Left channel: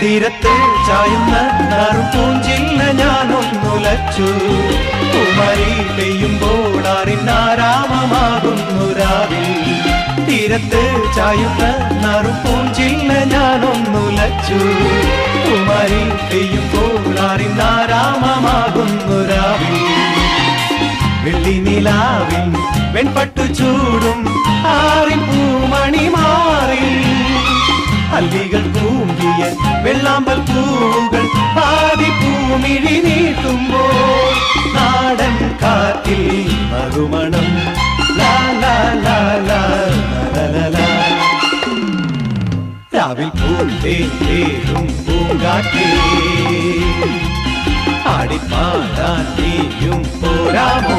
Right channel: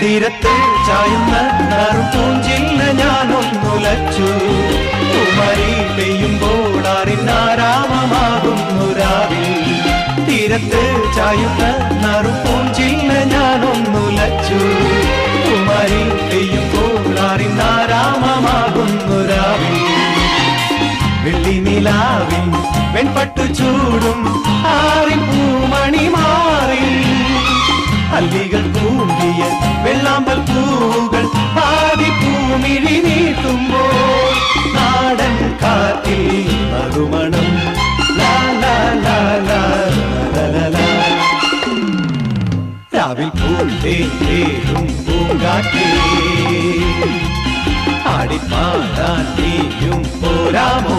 തീരത്തിൽ ചായുന്ന പൂഞ്ചില്ല ഞാനൊന്നുലച്ചു കുമരി പെയ്യുമ്പോൾ അറിഞ്ഞാരാമമാകുന്നു രാവിൽ തീരത്തിൽ ചായുന്ന പൂഞ്ചില്ല ഞാനൊന്നുലച്ചു കുമരി പെയ്യുമ്പോൾ അറിഞ്ഞാരാമമാകുന്നു രാവിൽ വെള്ളി നിലാവിൽ വെൺപട്ടു ചൂടും ആരിൻ പൂമണി മാറി അല്ലികൾ പൂങ്കിയ വെള്ളാമ്പൽ പൂവുകൾ പാടി പൂമിഴി നീട്ടുമ്പോൾ നാടൻ കാറ്റിൽ നറുമണം ലാ ലാ ലാ ലാ ലാ രാവിൽ പൂന്തേരും പൂങ്കാറ്റേ ആടിപ്പാടാൻ നീയും പോരാമോ